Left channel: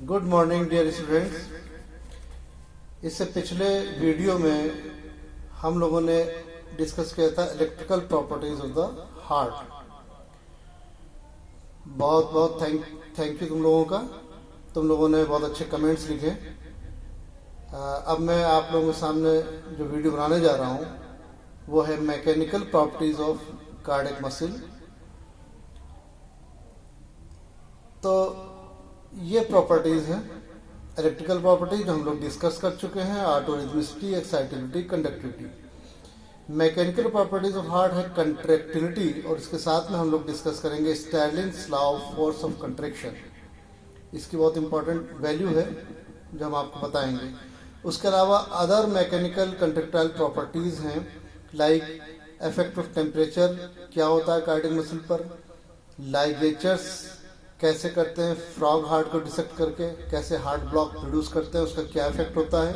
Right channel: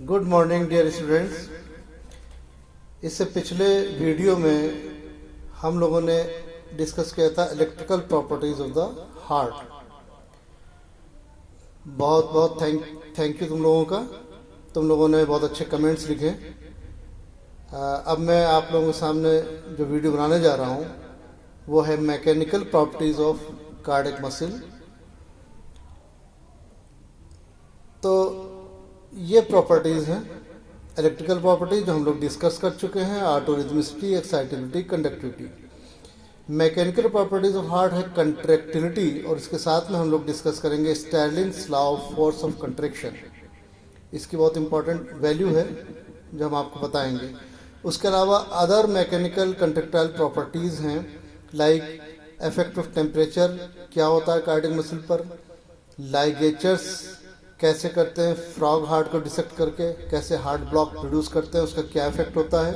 Good morning dear students. इससे पिछले video में हम लोगों ने डिस्कस किया था electrical properties of the heart. बहुत बहुत थैंक यू तुम लोगों का। तुम लोगों ने बहुत अच्छे कमेंट्स लिखे। अब मैं आप लोगों के सामने जो वीडियो बनाने जा रहा हूँ वो है mechanical properties of cardiac muscle. तो ये प्रॉपर्टीज हैं इलेक्ट्रिकल प्रॉपर्टीज जो हम लोग डिस्कस कर चुके हैं। Autorhythmicity, excitability, conductivity. Mechanical properties of heart है कंट्रैक्टिलिटी, और इसके साथ में हम लोग डिस्कस करेंगे Starling's law of force of contraction. इसकी बहुत इंपॉर्टेंट वैल्यू है जो हम आपको बताएंगे। उसके अलावा अदर मैकेनिकल कंट्रैक्टाइल प्रॉपर्टीज हैं लाइक इफेक्ट ऑफ टेम्परेचर, क्या होता है कार्डियक मसल पर, लाइगेचर्स कैसे करते हैं फ्रॉग हार्ट को डिसेक्ट करके, कैसे हार्ट ब्लॉक प्रोड्यूस करते हैं, उसका क्या इफेक्ट होता है,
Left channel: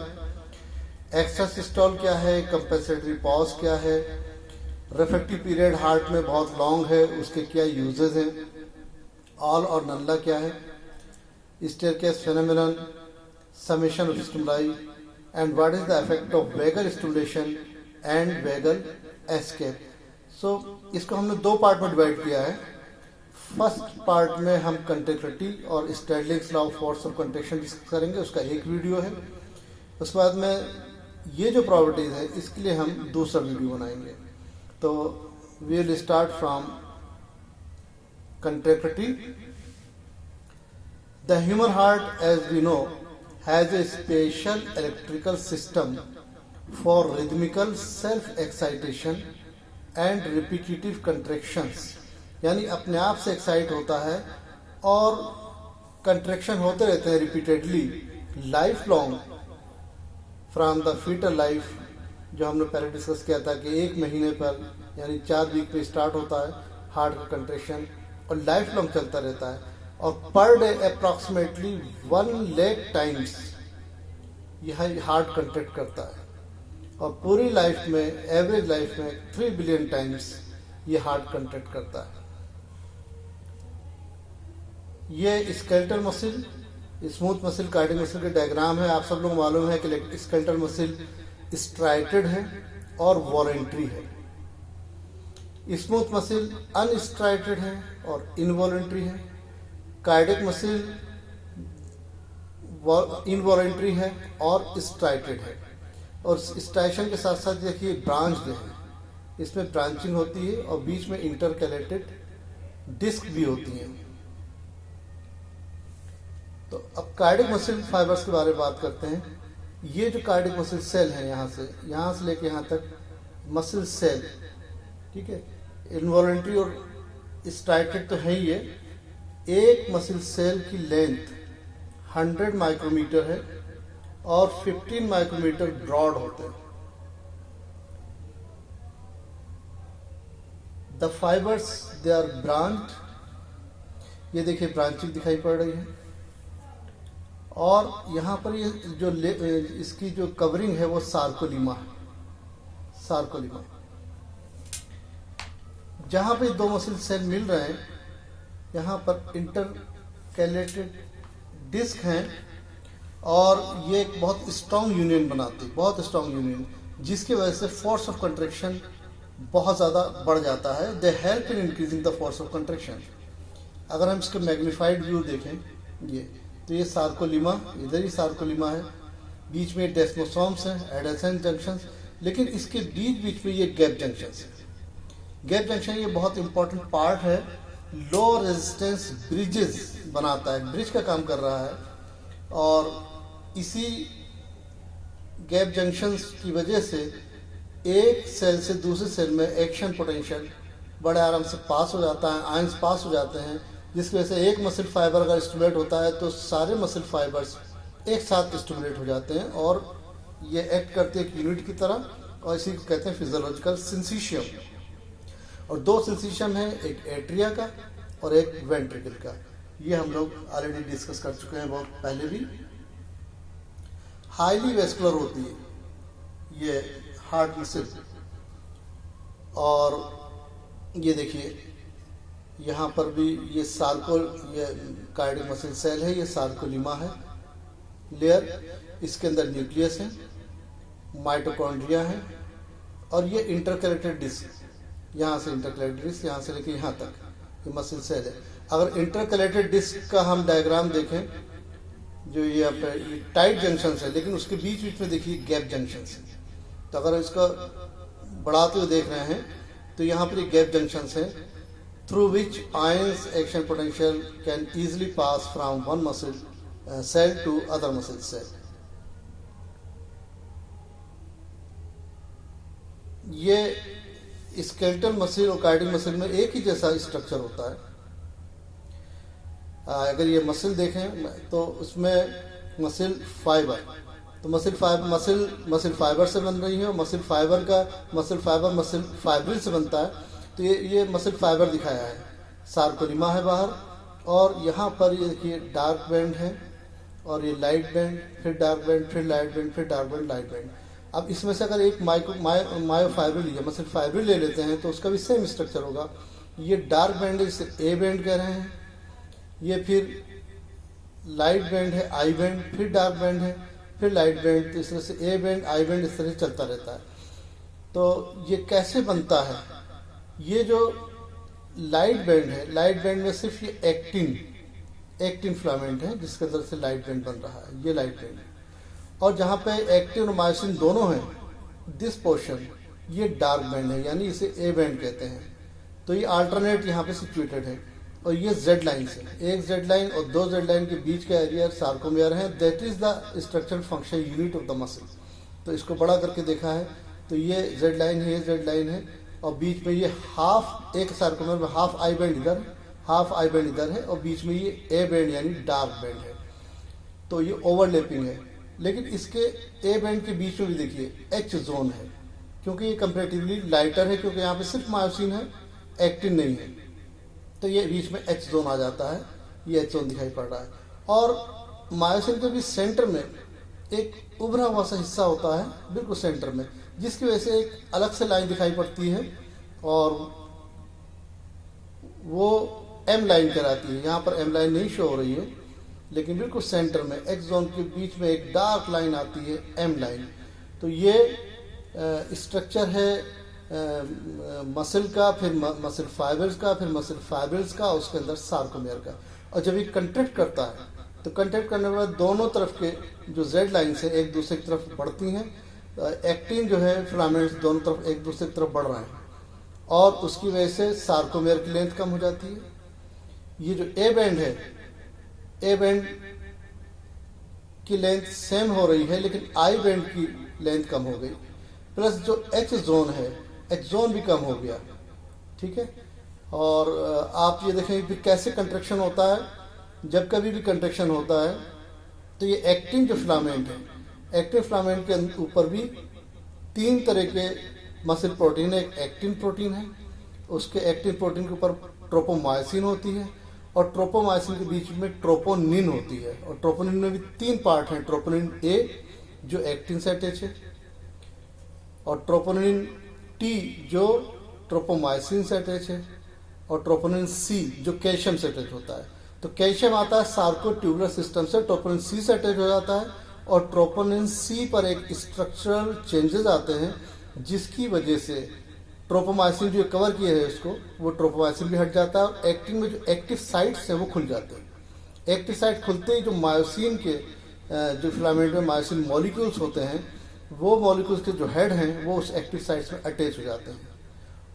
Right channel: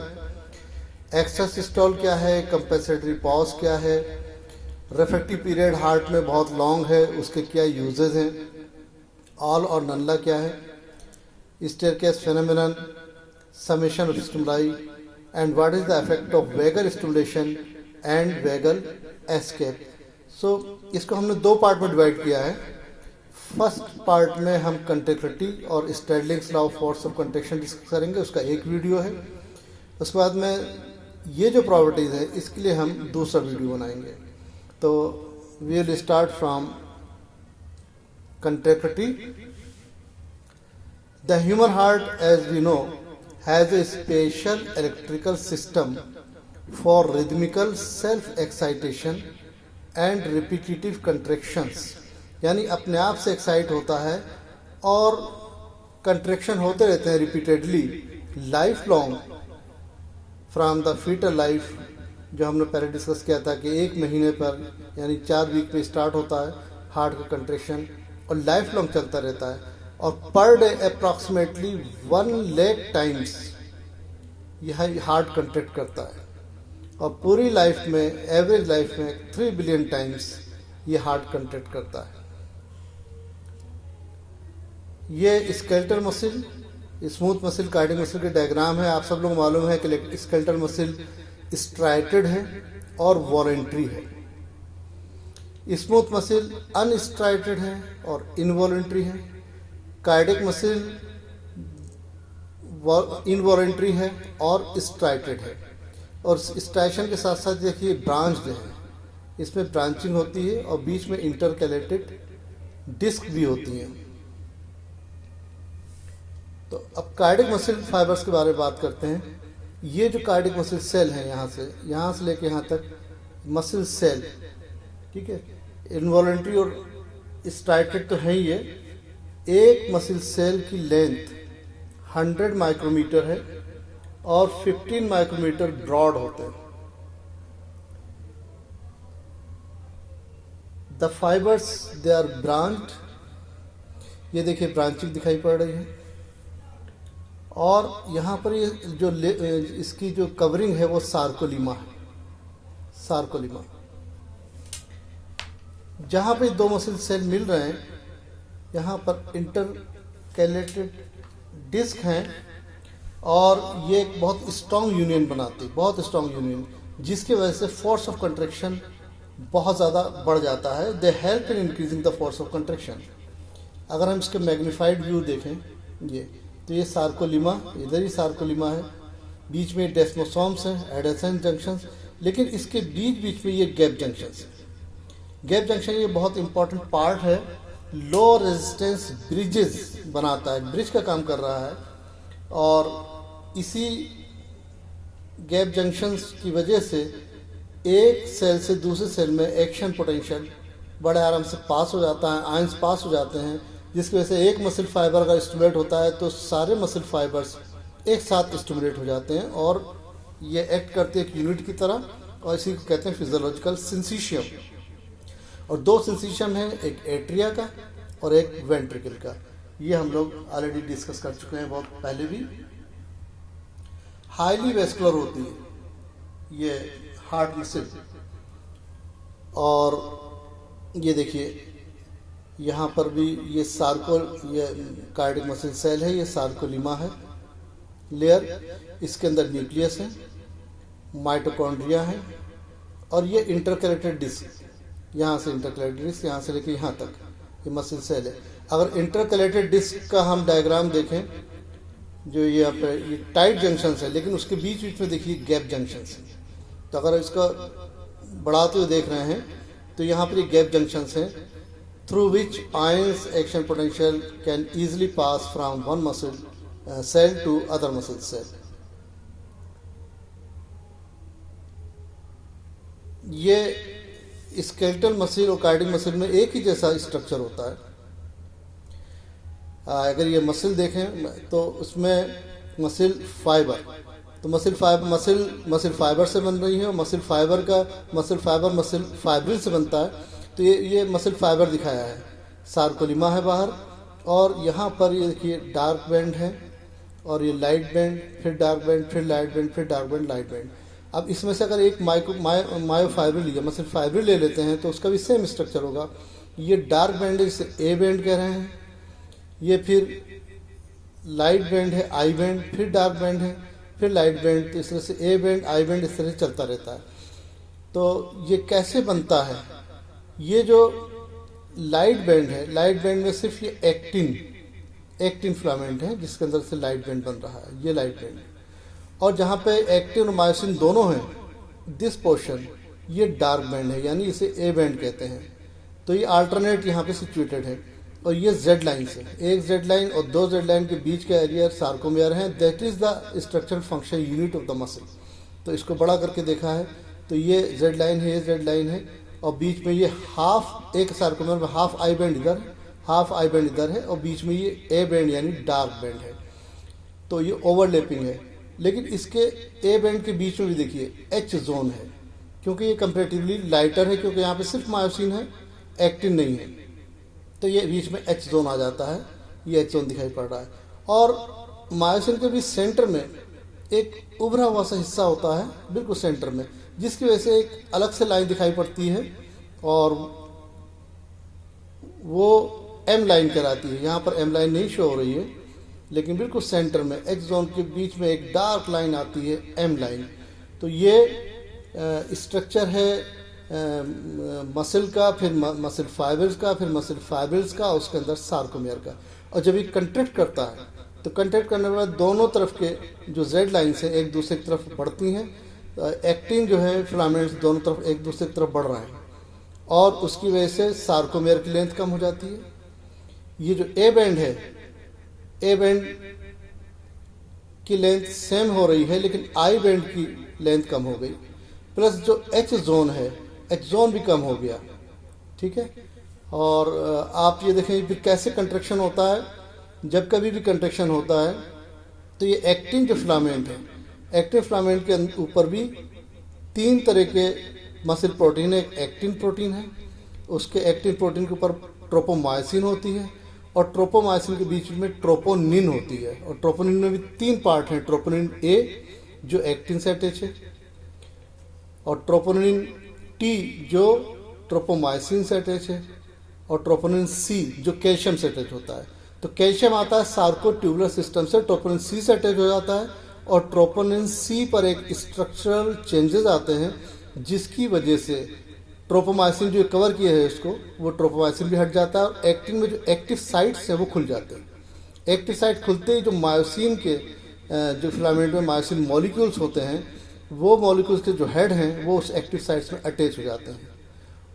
एक्स्ट्रा सिस्टोल क्या है, कंपेंसेटरी पॉज क्या है, रिफ्रैक्टिव पीरियड हार्ट में बहुत लॉन्ग है उसके क्या यूजेस हैं, ऑल और नल्ला क्या है, staircase phenomenon, summation of stimuli, and what is the effect of vagal stimulation and vagal escape. So इसको हमने दो पार्ट में डिवाइड किया है। फर्स्ट पार्ट में हम कंट्रैक्टिलिटी और Starling's law of force of contraction discuss करेंगे, उसका एक वीडियो है। उसके बाद में ये जो प्रॉपर्टीज है इसके लिए हम दूसरा वीडियो बनाएंगे। तो we will start from contractility. The human heart as we know has a special electrical system for rhythmical self excitation and repetitive contractions, यानी अपने आप से एक्साइट होता है और कंट्रैक्शन होते रहते हैं repeatedly life long from the fetal life, जो हमने पहले डिस्कस किया था कि 1 महीने पर यानी 4 वीक में स्टार्ट होता है हार्ट का कंट्रैक्शन और लाइफ लॉन्ग चलता रहता है। और per day approximately 1 lakh times यह हार्ट कंट्रैक्ट करता है, और पूरी लाइफ में एवरेज लाइफ में 3 बिलियन टाइम्स ये हार्ट कंट्रैक्ट करता है। ये skeletal muscle, smooth muscle, cardiac muscle के डायग्राम है। आप सब लोग मालूम है कि स्केलेटल मसल स्ट्राइटेड है और वॉलेंट्री है। स्मूथ मसल अनस्ट्राइटेड है और इनवॉलेंट्री है। कार्डियक मसल इनवॉलेंट्री है और स्ट्राइटेड है। और स्ट्राइशन के साथ साथ देखिए ब्रांच्ड है, इसमें ब्रांचिंग होती है और बीच में इंटरकैलेटेड डिस्क भी होती है। तो अब कार्डियक मसल फाइबर्स के बारे में बात करते हैं। ये जो कार्डियक मसल सेल है यहाँ से लेके यहाँ तक मसल सेल, ठीक है, इनवॉलेंट्री और स्ट्राइटेड तो है ही है। एक मसल सेल की लेंथ 100 माइक्रोमीटर है और 15 माइक्रोमीटर ब्रॉड होते हैं। The fibres they are branched, ये देखिए ब्रांचिंग दिखाई पड़ रही है। और यहाँ पर ये जो इसकी जो कवरिंग है वो सार्कोलिमा है, सार्कोलिमा। जहाँ पे 2 मसल सेल मिल रहे हैं यहाँ पर इंटरकैलेटेड डिस्क हैं और ये एक बहुत स्ट्रॉन्ग यूनियन बनाती है, बहुत स्ट्रॉन्ग यूनियन, जिसकी वजह से फोर्स ऑफ कंट्रैक्शन बहुत ज़्यादा बढ़ जाता है। They help in increasing the force of contraction. अगर हम इसके मैग्नीफाइड व्यू देखें ये, तो ये सार्कोलिमा, इधर ही सार्कोलिमा है, बीच में डेस्मोसोम्स हैं, एडेसेंट जंक्शंस, लेकिन इसके बीच में ये गैप जंक्शंस है। गैप जंक्शन ये बहुत इंपॉर्टेंट पार्ट है, लो रेजिस्टेंस ब्रिजेस बनाता है, ब्रिज का काम कर रहा है। और इसी गैप जंक्शंस की वजह से एक सेल से दूसरे सेल में एक्शन पोटेंशियल बड़े आराम से पास हो जाता है, आयंस पास हो जाते हैं, जिसकी वजह से एक मसल फाइबर अगर स्टिमुलेट होता है तो सारे मसल फाइबर्स एक साथ स्टिमुलेट हो जाते हैं और ये एक्ट करते हैं एक यूनिट की तरह, और इसी को कहते हैं फिजियोलॉजिकल सिंसिशियम। और 2 सिंसिशियम है, एक एट्रिया का और एक वेंट्रिकल का। ये हम लोग ऑलरेडी डिस्कस कर चुके हैं बहुत पहले भी। हाईली वेस्कुलर होती है ये हार्ट मसल, और ये देखिए यहाँ पर भी ये ये कार्डियक मसल सेल है, ये सार्कोलिमा है लेयर, इसके अंदर न्यूक्लियस है, माइटोकॉन्ड्रिया है, और ये इंटरकलेटेड डिस्क, यहाँ से इंटरकलेटेड डिस्क यहाँ से लेके यहाँ तक ये मसल सेल है। अगर इंटरकलेटेड डिस्क का हम डायग्राम देखें, जो ये टाइट जंक्शन है, लेकिन उसके बीच बीच में देखिए गैप जंक्शन है। तो अगर इसका बढ़ाते हुए देख रहे हैं तो यहाँ पर ये गैप जंक्शन है, through which ions action potential can easily pass from one muscle cell to other muscle cell. ये स्केलेटल मसल और कार्डियक मसल में एक ही जैसा स्ट्रक्चर होता है। अगर ये मसल देखें तो उसमें मसल फाइबर, तो मसल फाइबर से बन रही है, और मसल फाइबर मसल फाइब्रिल से बनता है। तो ये मसल फाइबर दिखाया है, सार्कोलिमा है बाहर, और यहाँ पर ये देखिए डार्क बैंड है, और ये लाइट बैंड, फिर डार्क बैंड, फिर लाइट बैंड, फिर डार्क बैंड, लाइट बैंड। अब इसमें से अगर एक मायोफाइब्रिल या मसल फाइब्रिल ले लेते हैं तो उसका भी सेम स्ट्रक्चर होगा। ये डार्क बैंड है, इसे ए बैंड कह रहे हैं, ये फिर लाइट बैंड है, आई बैंड, फिर डार्क बैंड है, फिर लाइट बैंड। तो इस तरह से ए बैंड, आई बैंड इस तरह से चलता रहता है। तो ये कैसे बनता है? ये जो लाइट बैंड है, लाइट बैंड में सिर्फ ये एक्टिन फिलामेंट है जिसके अंदर से लाइट बैंड बन रहा है, ये लाइट बैंड है। और जहां पे एक्टिन और मायोसिन दोनों हैं, दिस पोर्शन, ये डार्क बैंड है, यानी इसे ए बैंड कहते हैं। तो ये अल्टरनेट यहाँ पे सिचुएटेड है, और ये जेड लाइन से, एक जेड लाइन और दो जेड लाइन के बीच का एरिया सार्कोमियर है, that is the structural function unit of the muscle. तो इसको बड़ा करके देखा है तो ये जेड लाइन है, ये जेड लाइन है, और बीच में ये हाफ, एक सार्कोमियर में हाफ आई बैंड इधर, हाफ आई बैंड इधर है, और बीच में ये ए बैंड यानी डार्क बैंड है। तो ये ओवरलैपिंग है, लेकिन इसके ए बैंड के बीच में भी देखिए एच जोन है, क्योंकि ये कंपेरेटिवली लाइटर है, क्योंकि यहाँ पे सिर्फ मायोसिन है, एक्टिन नहीं है। तो ये बीच में एच जोन आ जाता है, ये एच जोन दिखाई पड़ रहा है। और मायोसिन के भी सेंटर में एक उभरा हुआ सा हिस्सा होता है, बिल्कुल सेंटर में, जिसकी वजह से एक अलग से लाइन दिखाई पड़ती है, और वो एम लाइन कहलाती है। यहाँ पर एम लाइन नहीं शो हो रही है, लेकिन बिल्कुल सेंटर में एच जोन के बीच में एक डार्क लाइन आती है, एम लाइन। तो ये स्ट्रक्चर है मसल का, फिर मसल फाइबर्स का, फिर मसल फाइब्रिल्स का, उसके अंदर सार्कोमियर का। और जब ये कंट्रैक्ट करता है तो कंट्रैक्ट करने के बाद दोनों तरफ के जो जेड लाइन से एक दूसरे की तरफ बढ़ती हैं, एक्टिन जो है फिलामेंट्स दोनों तरफ एक दूसरे की तरफ बढ़ रहे हैं, और उसकी वजह से सार्कोमियर की लेंथ कम हो जाती है। ये जो ए बैंड है, ए बैंड की लेंथ सेम हो रही है, लेकिन आई बैंड की लेंथ कम हो गई, प्लस जो एच जोन है, एच जोन भी कम हो गया। ठीक है, और आप ये देखें कि कैसे कंट्रैक्शन होता है। जब कभी भी कंट्रैक्शन होता है तो ये एक्टिन जो फिलामेंट है, एक्टिन फिलामेंट के ऊपर भी तीन तरह के मसल प्रोटीन है। एक एक्टिन प्रोटीन है, उसके एक्टिन प्रोटीन के ऊपर ट्रोपोमायोसिन होती है, और ट्रोपोमायोसिन के बीच में ट्रोपोनिन होती है। और ट्रोपोनिन में भी तीन पार्ट हैं, ट्रोपोनिन ए जो एक्टिन से अटैच है, और ट्रोपोनिन टी जो ट्रोपोमायोसिन से अटैच है, और ट्रोपोनिन सी जो कैल्शियम से अटैच होता है। तो कैल्शियम आता है सार्कोट्यूबुलर सिस्टम से, ट्रोपोनिन सी से अटैच हो जाता है, और ट्रोपोनिन सी पर एक स्ट्रक्चरल चेंजेस आते हैं जिसकी वजह से ट्रोपोमायोसिन जो कवर किया है उसको, वो ट्रोपोमायोसिन भी हट जाता है, और एक्टिन में जो एक्टिव साइट्स हैं वो खुल जाते हैं। एक्टिव साइट खुलते ही जो मायोसिन के जो फिलामेंट में मायोसिन मॉलिक्यूल्स होते हैं, वो मॉलिक्यूल्स के जो हेड हैं वो उस एक्टिव साइट्स में अटैच हो जाते हैं,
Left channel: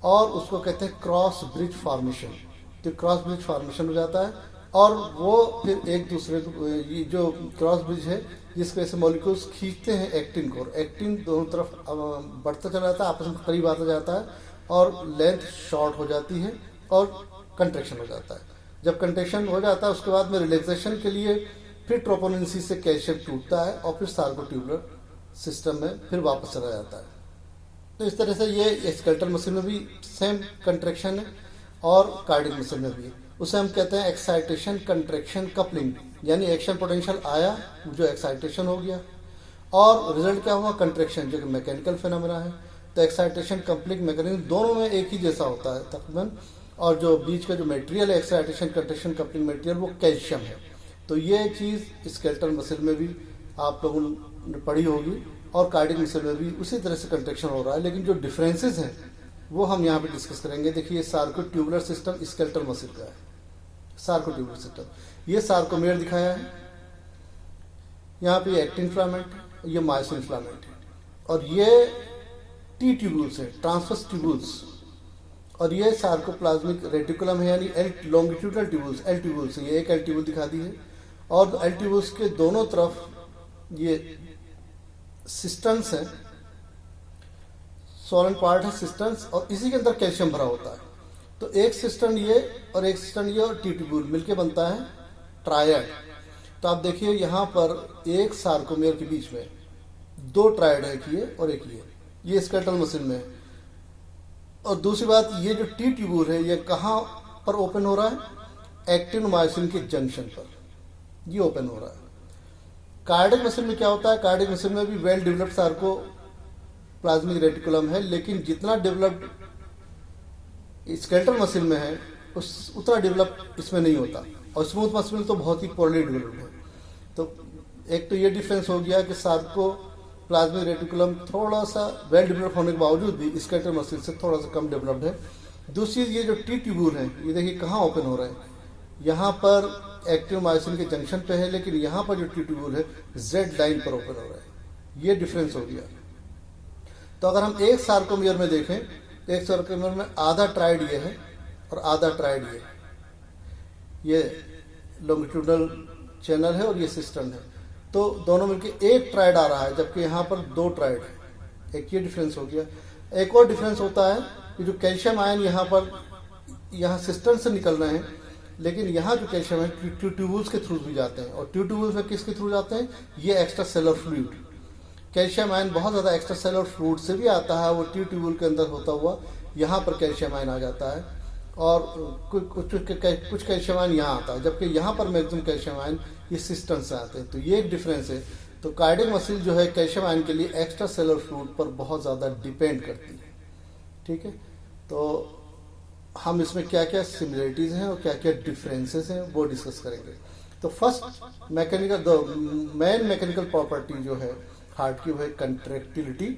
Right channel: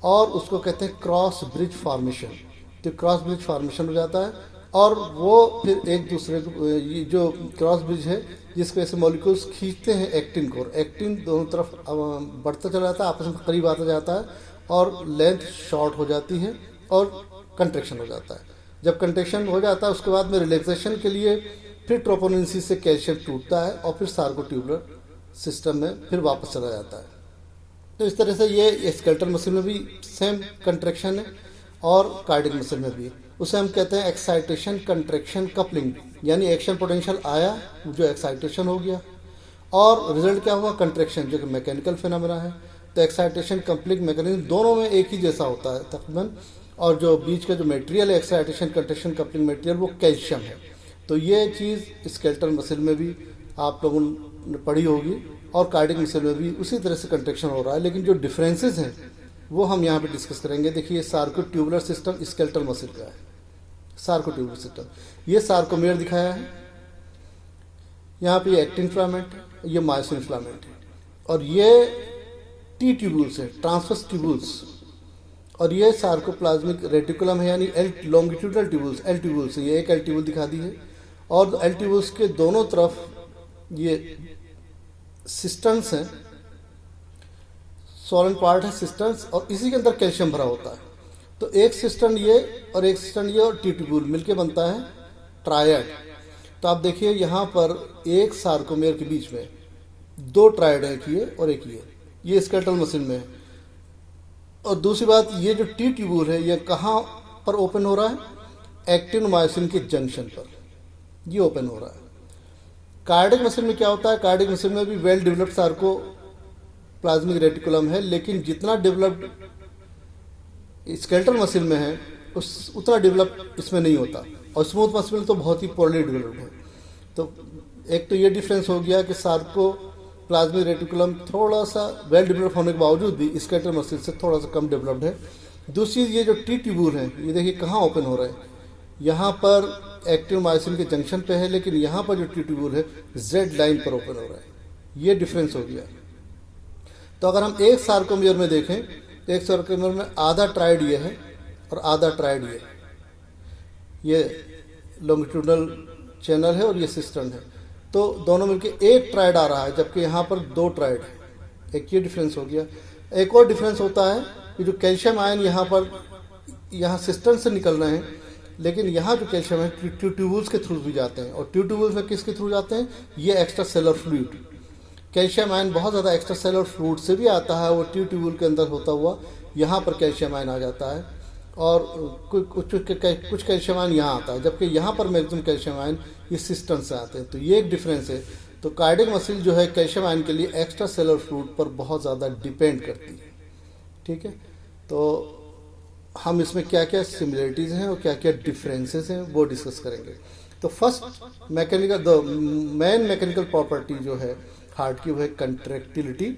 और उसको कहते हैं क्रॉस ब्रिज फॉर्मेशन। तो क्रॉस ब्रिज फॉर्मेशन हो जाता है, और वो फिर एक दूसरे को, जो क्रॉस ब्रिज है जिसकी वजह से मॉलिक्यूल्स खींचते हैं एक्टिन को, एक्टिन दोनों तरफ बढ़ता चला जाता है, आपस में करीब आता जाता है, और लेंथ शॉर्ट हो जाती है, और कंट्रैक्शन हो जाता है। जब कंट्रैक्शन हो जाता है उसके बाद में रिलैक्सेशन के लिए फिर ट्रोपोनिन सी से कैल्शियम टूटता है, और फिर सार्कोट्यूबुलर सिस्टम में फिर वापस चला जाता है। तो इस तरह से ये स्केलेटल मसल में भी सेम कंट्रैक्शन है, और कार्डियक मसल में भी। उसे हम कहते हैं एक्साइटेशन कंट्रैक्शन कपलिंग, यानी एक्शन पोटेंशियल आया, जो एक्साइटेशन हो गया, और रिजल्ट क्या हुआ, कंट्रैक्शन, जो कि मैकेनिकल फिनोमेना है। तो एक्साइटेशन कपलिंग मैकेनिज्म दोनों में एक ही जैसा होता है तकरीबन, और जो बीच का जो material excitation contraction coupling material वो कैल्शियम है। तो ये चीज़ स्केलेटल मसल में भी आप लोगों ने पढ़ी होगी और कार्डियक मसल में भी उसी तरह से कंट्रैक्शन हो रहा है, लेकिन जो डिफरेंसेस हैं वो हम यहाँ पे डिस्कस करेंगे। देखिए सार्कोट्यूबुलर सिस्टम स्केलेटल मसल का है, सार्कोट्यूबुलर सिस्टम। ये सार्कोमेयर दिखाया है, यहाँ पे एक्टिन फिलामेंट है, ये मायोसिन फिलामेंट है, और ये टी ट्यूबुल्स है, ट्रांसवर्स ट्यूबुल्स, और ये सार्कोप्लाज्मिक रेटिकुलम है यानी L longitudinal tubules, L tubules. ये एक एल ट्यूबुल दिखा दी है, और एल ट्यूबुल्स के दोनों तरफ ये सिस्टन्स हैं, सोलन पार्ट है सिस्टन्स, और इसी के अंदर कैल्शियम भरा होता है। तो एक सिस्टन ये और एक सिस्टन ये और टी ट्यूबुल मिलके बनता है ट्रायड। तो आप देखिए यहाँ पर एक सार्कोमेयर के बीच में दो ट्रायड है, एक ये और एक ये स्केलेटल मसल में है। और दूसरी बात, ये जो टी ट्यूबुल है ये कहाँ पर ओपन हो रहा है? एक्टिन मायोसिन के जंक्शन पर ये ओपन हो रहा है। कार्डियक मसल में क्या होता है? कार्डियक मसल में भी वेल डेवलप्ड सार्कोप्लाज्मिक रेटिकुलम है, लेकिन जितना डेवलप्ड स्केलेटल मसल में है उतना डेवलप इसमें नहीं होता, और स्मूथ मसल में तो बहुत ही पोरली डेवलप्ड है। तो एक तो ये डिफरेंस हो गया कि सार्कोप्लाज्मिक रेटिकुलम थोड़ा सा वेल डेवलप होने के बावजूद भी स्केलेटल मसल से थोड़ा सा कम डेवलप्ड है। दूसरी ये जो टी ट्यूबुल है, ये देखिए कहाँ ओपन हो रहा है, यहाँ पर एक्टिन मायोसिन के जंक्शन पे है, लेकिन यहाँ पर जो टी ट्यूबुल है जेड लाइन पर ओपन हो रहा है। ये डिफरेंस हो गया। तो अगर हम एक सार्कोमेयर में देखें, एक सार्कोमेयर में आधा ट्राइड ये है और आधा ट्राइड ये लॉन्गिट्यूडनल चैनल है और ये सिस्टर्न है। तो दोनों मिलके एक ट्राइड आ रहा है, जबकि यहाँ पर दो ट्राइड है। एक ये डिफरेंस हो गया। एक और डिफरेंस होता है कि जो कैल्शियम आयन यहाँ सिस्टर्न से निकल रहे हैं, लेकिन यहाँ जो कैल्शियम है ट्यूबुल्स के थ्रू भी जाते हैं। और ट्यूबुल्स में किसके थ्रू जाते हैं? ये extra cellular fluid. Calcium ion बहुत ज़्यादा एक्स्ट्रा सेलर फ्लूइड से भी आता है, वो ट्यूबुल के अंदर होता हुआ यहाँ पर कैल्शियम आयन आ जाता है, और कुछ कैल्शियम आयन यहाँ आता है, जबकि यहाँ पर मैक्सिमम कैल्शियम आयन ये सिस्टम से आते हैं। तो ये एक डिफरेंस है। तो कार्डियक मसल जो है कैल्शियम आयन के लिए एक्स्ट्रा सेलर फ्लूइड पर बहुत ज़्यादा डिपेंड करती है। ठीक है, तो हम इसमें क्या क्या सिमिलरिटीज हैं और क्या क्या डिफरेंसेस हैं वो डिस्कस करेंगे। तो फर्स्ट मेन मैकेनिकल प्रॉपर्टी जो है हार्ट की वो है कंट्रैक्टिलिटी,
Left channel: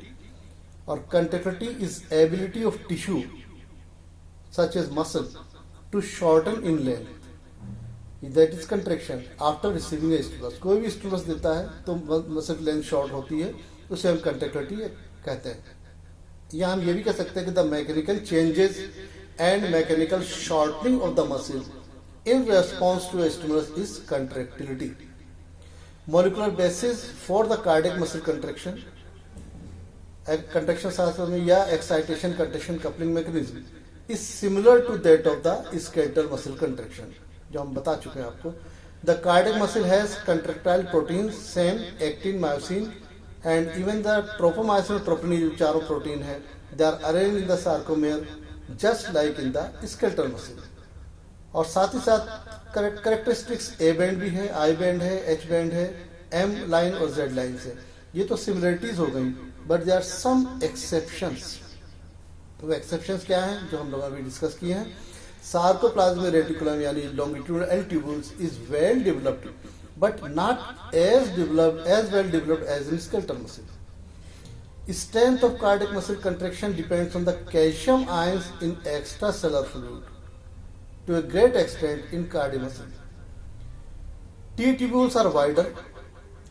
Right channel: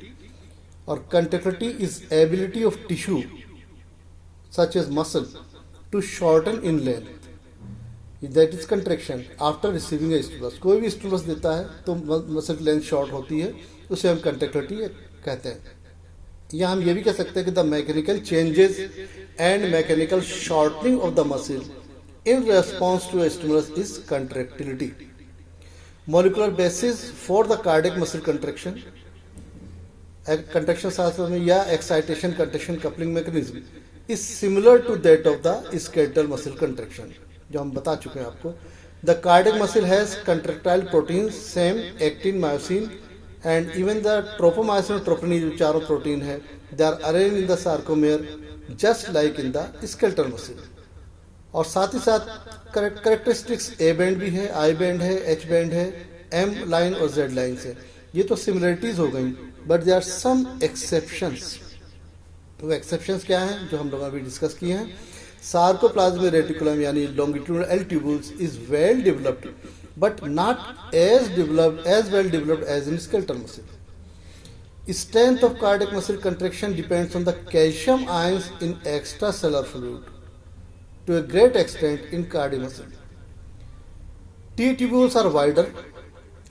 और contractility is ability of tissue such as muscle to shorten in length, that is contraction after receiving a stimulus। कोई भी स्टिमुलस देता है तो मसल की लेंथ शॉर्ट होती है, उसे हम कंट्रैक्टिलिटी कहते हैं। या हम ये भी कह सकते हैं कि the mechanical changes and mechanical shortening of the muscle in response to a stimulus is contractility। Molecular basis for the cardiac muscle contraction, contraction शास्त्र में, या excitation contraction coupling mechanism is similar to that of the skeletal muscle contraction, जो हम बता चुके हैं आपको। The cardiac muscle has contractile proteins same actin, myosin and even the tropomyosin और troponin जो चारों प्रोटीन है, they are arranged in the sarcomere just like in the skeletal muscle। और साथ ही साथ कैरेक्टरिस्टिक्स ए बैंड भी है, आई बैंड है, एच बैंड है, एम लाइन और जेड लाइन से। ये तो सिमिलरिटीज हो गई, but there are some exceptions. तो एक्सेप्शंस क्या हैं जो हम लोग अभी डिस्कस किए हैं? सार्कोप्लाज्मिक रेटिकुलम यानी longitudinal L tubules is well developed but not as well developed as in skeletal muscle. Strength of cardiac muscle contraction depends on the calcium ions in extracellular fluid to a great extent in cardiac muscle. T tubules are wider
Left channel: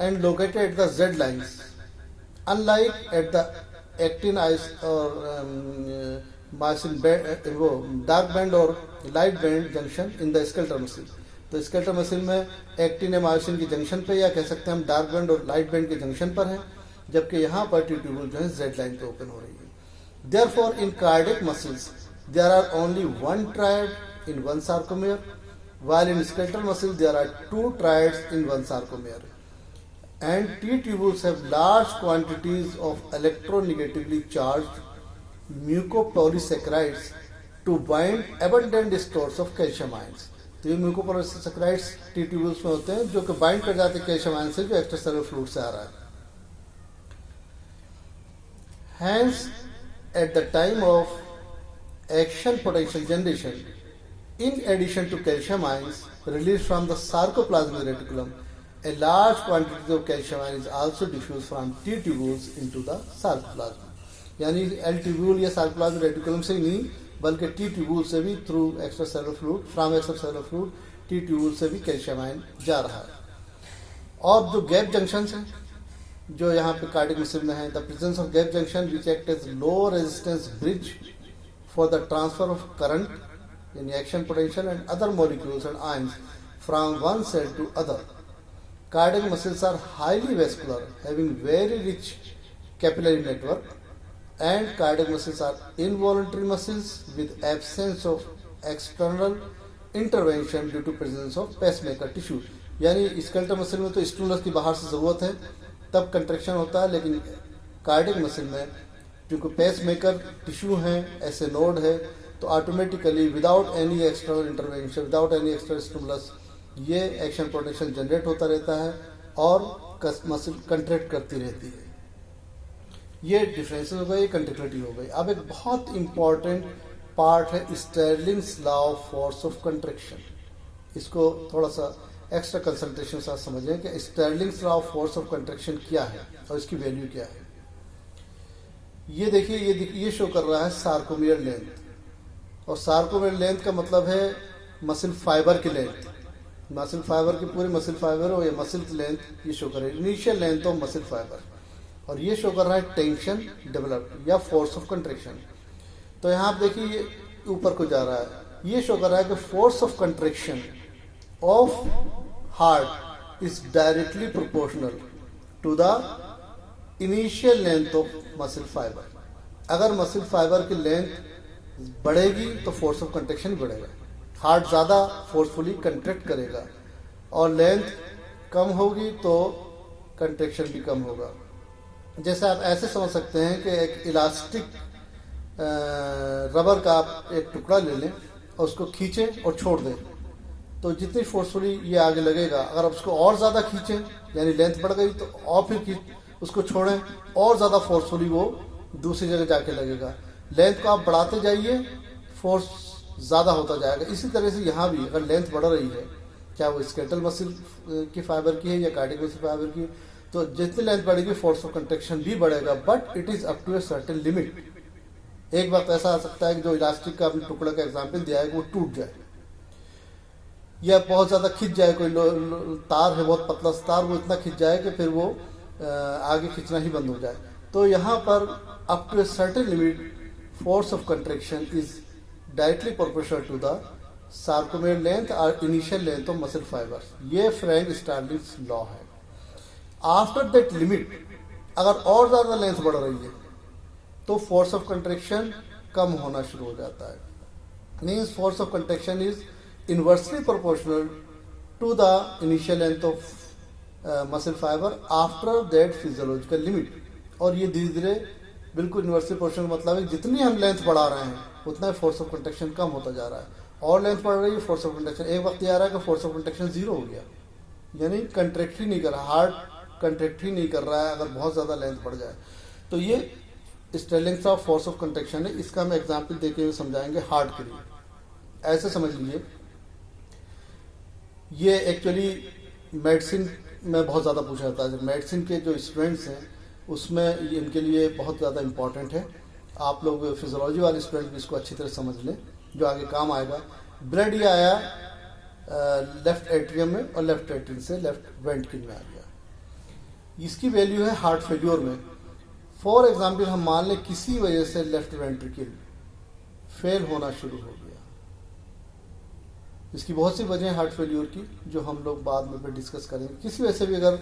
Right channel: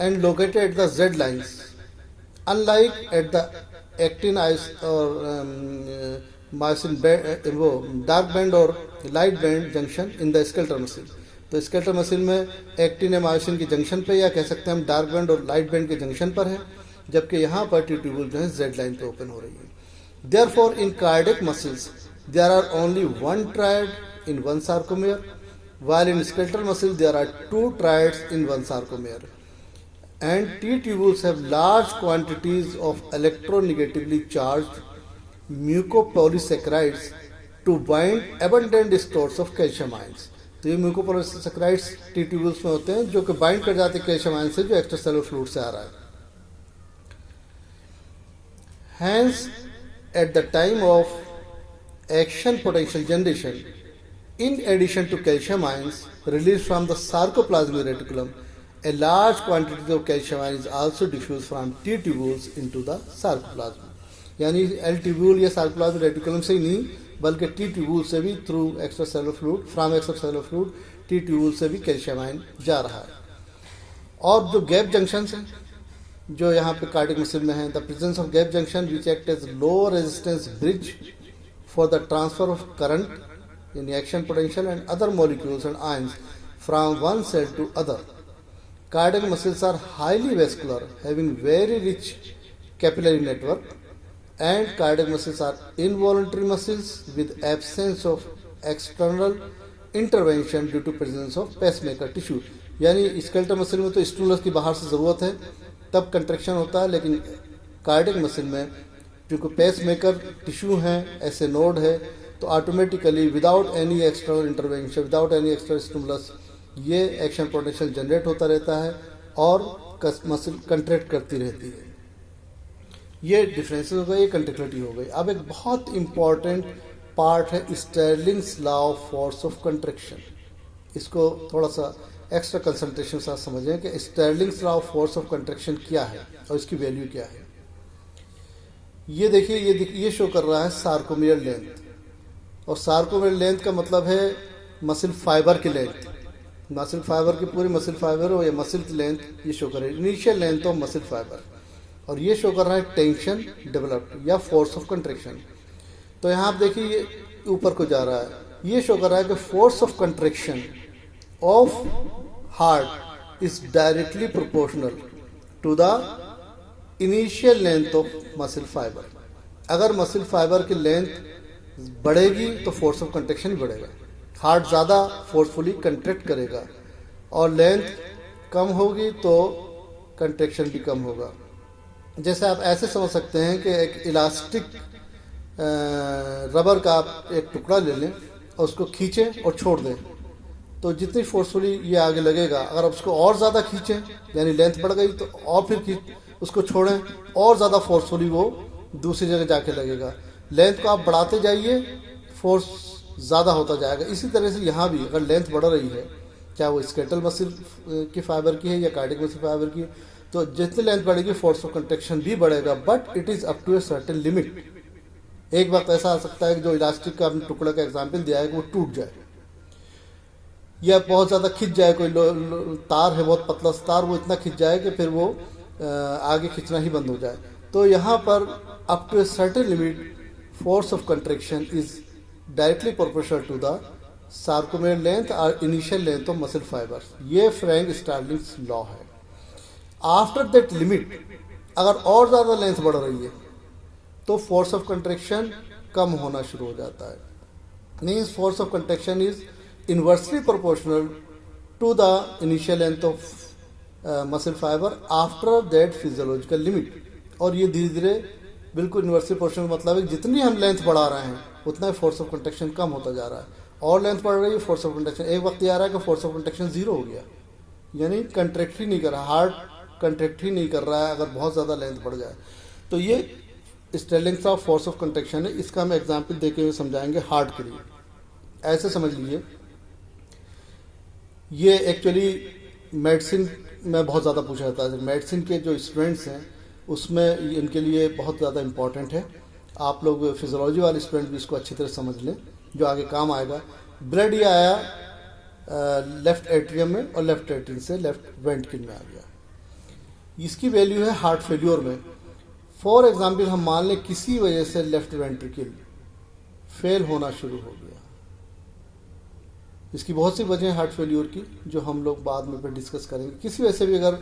and located at the Z lines, unlike at the actin or myosin band, dark band or light band junction in the skeletal muscle। तो skeletal muscle में actin या myosin के junction पे, या कह सकते हैं हम डार्क बैंड और लाइट बैंड के जंक्शन पर है, जबकि यहाँ पर टी ट्यूबुल जो है Z लाइन पे ओपन हो रही है। Therefore, in cardiac muscles there are only one triad in one sarcomere, while in skeletal muscle there are two triads in one sarcomere, and T tubules have large quantities of electronegatively charged mucopolysaccharides to bind abundant stores of calcium ions। तो ये mucopolysaccharides T tubules में होते हैं जो कि bind कर जाते हैं कैल्शियम आयन से जो एक्स्ट्रासेलुलर फ्लूइड से आ रहा है। Hence, at the time of action potential generation, In addition to calcium ions released from the sarcoplasmic reticulum, a large quantity of calcium ion is also diffused from T tubules into the sarcoplasm. यानी L tubule या sarcoplasmic reticulum से ही नहीं बल्कि T tubule से भी through extracellular fluid from extracellular fluid T tubule से भी calcium ion जा रहा है। और जो गैप जंक्शन है जो यहाँ पे कार्डियक मसल में है, the presence of gap junction which act as low resistance bridge for the transfer of current in action potential and other molecules and ions from one cell to other. Cardiac muscles are highly vascular, having very rich capillary network, and cardiac muscles are involuntary muscles with absence of external intervention due to presence of pacemaker tissue. यानी skeletal muscle में तो stimulus की बाहर से जरूरत है तब contraction होता है, लेकिन कार्डियक मसल में क्योंकि पेसमेकर टिश्यू है, ऐसे नोड है, तो automatically without any external intervention without any external stimulus ये एक्शन पोटेंशियल जनरेट होता रहता है और मसल कंट्रैक्ट करती रहती है। ये डिफरेंसेस हो गए, ये कंट्रैक्टिलिटी हो गई। अब एक बहुत इंपॉर्टेंट पार्ट है Starling's law of force of contraction. इसको थोड़ा सा एक्स्ट्रा कंसंट्रेशन के साथ समझें कि Starling's law of force of contraction क्या है और इसकी वैल्यू क्या है। ये देखिए, ये शो कर रहा है सार्कोमियर लेंथ, और सार्कोमियर लेंथ का मतलब है मसल फाइबर की लेंथ। मसल फाइबर की पूरी मसल फाइबर और ये मसल की लेंथ ये शो कर रहा है, initial length of muscle fibre, और ये शो कर रहा है टेंशन डेवलप्ड या फोर्स ऑफ कंट्रैक्शन। तो यहाँ आप देखिए ये ऊपर को जा रहा है, ये शो कर रहा है कि force of contraction of heart is directly proportional to the initial length of muscle fibre. अगर मसल फाइबर की लेंथ बढ़ेगी तो फोर्स ऑफ कंट्रैक्शन बढ़ेगा, हार्ट ज़्यादा फोर्सफुली कंट्रैक्ट करेगा, और लेंथ कम होगी तो कंट्रैक्शन भी कम होगा। जैसे आप ऐसे समझ सकते हैं कि एक इलास्टिक रबर का आप एक टुकड़ा ले लें और उसको खींचें और छोड़ दें, तो जितनी फोर्सफुली ये आगे लगेगा। अगर आप उसको और ज़्यादा खींचें यानी लेंथ बढ़ गई तो और फिर उसको छोड़ें और ज़्यादा फोर्सफुली वो दूसरी जगह जाके लगेगा। लेंथ को आप बढ़ाते जाइए, फोर्स ज़्यादा होता जाएगा। इसी तरह से यहाँ भी अगर लेंथ बढ़ रही है, चाहे वो स्केलेटल मसल की फाइबर की है या कार्डियक मसल फाइबर की, तो जितनी लेंथ बढ़ेगी फोर्स ऑफ कंट्रैक्शन भी बढ़ेगा, but it is up to a certain limit. एक वक्त ऐसा आ सकता है कि जो इलास्टिक का आपने टुकड़ा का एग्जाम्पल दिया है वो टूट जाए या बहुत ज़्यादा खिंच जाए। कोई तार है, बहुत पतला तार, वो इतना खिंच जाए कि फिर वो आगे खींचना ही बंद हो जाए। तो यहाँ पर up to a certain limit force of contraction is directly proportional to the sarcomere length और initial length of muscle fibre. ये फ्रैंक स्टार्लिंग्स लॉ है। आफ्टर दैट लिमिट अगर और ज़्यादा लेंथ बढ़ रही है तो फोर्स ऑफ कंट्रैक्शन कम होना शुरू हो जाता है। Means force of contraction is inversely proportional to the initial length of muscle fibre after that physiological limit. और ये धीरे धीरे बिल्कुल इनवर्सली प्रोपोर्शनल मतलब है जितनी हम लेंथ बढ़ा रहे हैं उतना फोर्स ऑफ कंट्रैक्शन कम होता जा रहा है, और लेंथ बढ़ रही है फोर्स ऑफ कंट्रैक्शन। एक वक्त ये आ रहा है कि फोर्स ऑफ कंट्रैक्शन जीरो हो गया, यानी कंट्रैक्ट ही नहीं कर रहा, हार्ट कंट्रैक्ट ही नहीं कर रहा है अगर बहुत ज़्यादा लेंथ बढ़ जाए। तो ये स्टेलिंग्स ऑफ फोर्स ऑफ कंट्रैक्शन है। इसका हम एग्जाम्पल देके हुए समझाएंगे हार्ट के लिए। ऐसे समझ लीजिए, ये एक्चुअली मेडिसिन में बहुत ज़्यादा पूछा जाता है। मेडिसिन के जो स्टूडेंट्स हैं उसमें इनके लिए बहुत ज़्यादा इंपॉर्टेंट है। आप लोग फिजियोलॉजी वाले स्टूडेंट भी इसको अच्छी तरह समझ लें, जो आगे काम आएगा। ब्लड ये आया लेफ्ट एट्रियम में और लेफ्ट एट्रियम से लेफ्ट वेंट्रिकल में आ गया। इसकी वैल्यू है हार्ट फेल्योर में। फॉर एग्जाम्पल हम मान लें किसी वजह से लेफ्ट वेंट्रिकल फेल होना शुरू हो गया। इसकी बहुत सी वजह हार्ट फेल्योर की जो हम लोग बाद में फिर डिस्कस करेंगे। किसी वजह से भी अगर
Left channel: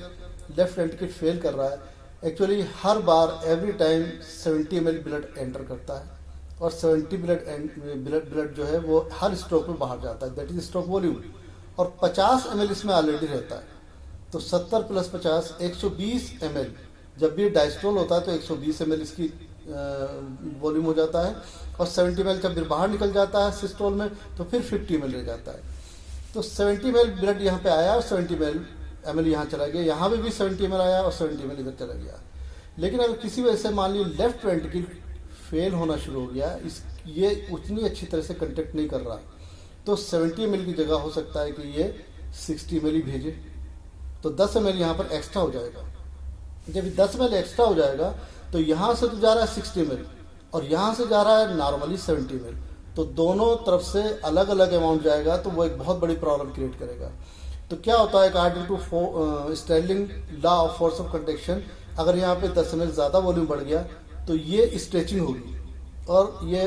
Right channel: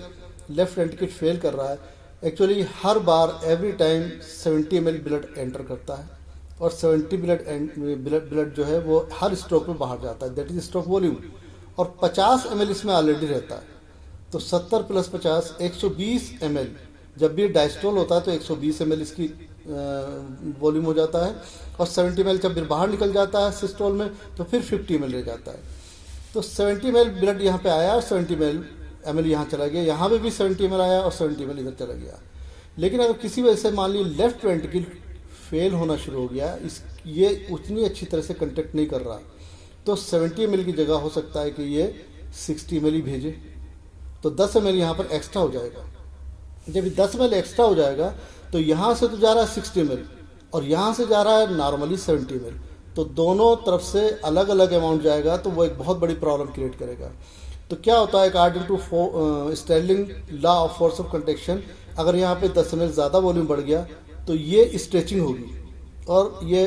लेफ्ट वेंट्रिकल फेल कर रहा है, एक्चुअली हर बार every time 70 ml blood enter करता है, और 70 ब्लड जो है वो हर स्ट्रोक में बाहर जाता है, दैट इज स्ट्रोक वॉल्यूम। और 50 ml इसमें ऑलरेडी रहता है, तो 70 + 50 120 ml। जब भी डायस्टोल होता है तो 120 ml इसकी वॉल्यूम हो जाता है, और 70 ml जब फिर बाहर निकल जाता है सिस्टोल में तो फिर 50 ml रह जाता है। तो 70 ml ब्लड यहाँ पे आया और 70 ml यहाँ चला गया, यहाँ पे भी 70 ml आया और 70 ml इधर चला गया। लेकिन अगर किसी वजह से मान लीजिए लेफ्ट वेंट्रिकल फेल होना शुरू हो गया, ये उतनी अच्छी तरह से कंटेक्ट नहीं कर रहा, तो 70 ml की जगह हो सकता है कि ये 60 ml ही भेजे, तो 10 ml यहाँ पर एक्स्ट्रा हो जाएगा। जब 10 ml एक्स्ट्रा हो जाएगा तो यहाँ से तो जा रहा है 60 ml और यहाँ से जा रहा है नॉर्मली 70 ml, तो दोनों तरफ से अलग अलग अमाउंट जाएगा, तो वो एक बहुत बड़ी प्रॉब्लम क्रिएट करेगा। तो क्या होता है, according to Starling law of force of contraction, अगर यहाँ पे 10 ml ज़्यादा वॉल्यूम बढ़ गया तो ये स्ट्रेचिंग होगी और ये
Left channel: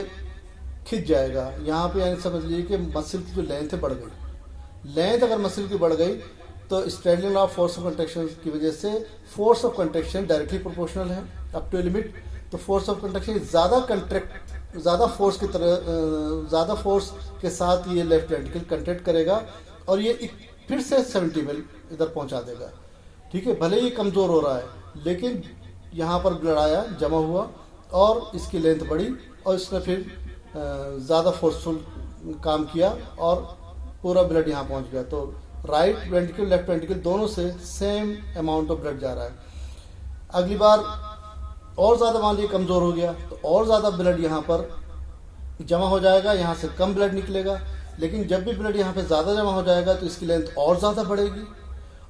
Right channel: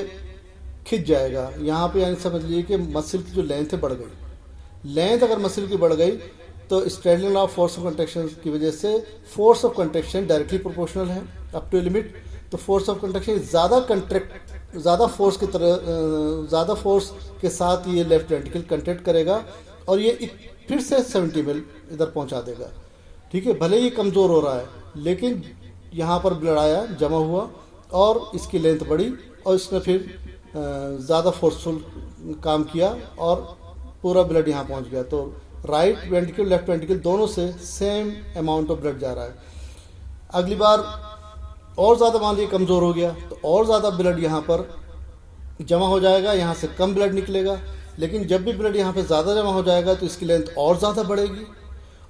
खिंच जाएगा। यहाँ पे यानी समझ लीजिए कि मसल की जो लेंथ है बढ़ गई। लेंथ अगर मसल की बढ़ गई तो Starling law of force of contraction की वजह से force of contraction directly proportional है अप टू लिमिट। तो फोर्स ऑफ कंट्रैक्शन ज़्यादा फोर्स की तरह ज़्यादा फोर्स के साथ ये लेफ्ट वेंट्रिकल कंट्रैक्ट करेगा और ये फिर से 70 ml इधर पहुंचा देगा। ठीक है, भले ही कमज़ोर हो रहा है लेकिन यहाँ पर ब्लड आया, जमा हुआ और इसकी लेंथ बढ़ी और इसने फिर ज़्यादा फोर्सफुल काम किया और पूरा ब्लड यहाँ पहुँच गया। तो राइट वेंट्रिकल लेफ्ट वेंट्रिकल दोनों से सेम अमाउंट ऑफ ब्लड जा रहा है। अगली बार और ज़्यादा मान लीजिए कमज़ोर हो गया तो और ज़्यादा ब्लड यहाँ पर जमा हो जाएगा, यहाँ से कम ब्लड निकलेगा। लेकिन जब भी ब्लड यहाँ पे ज़्यादा जमा हो जाएगा तो इसकी लेंथ और ज़्यादा बढ़ेगी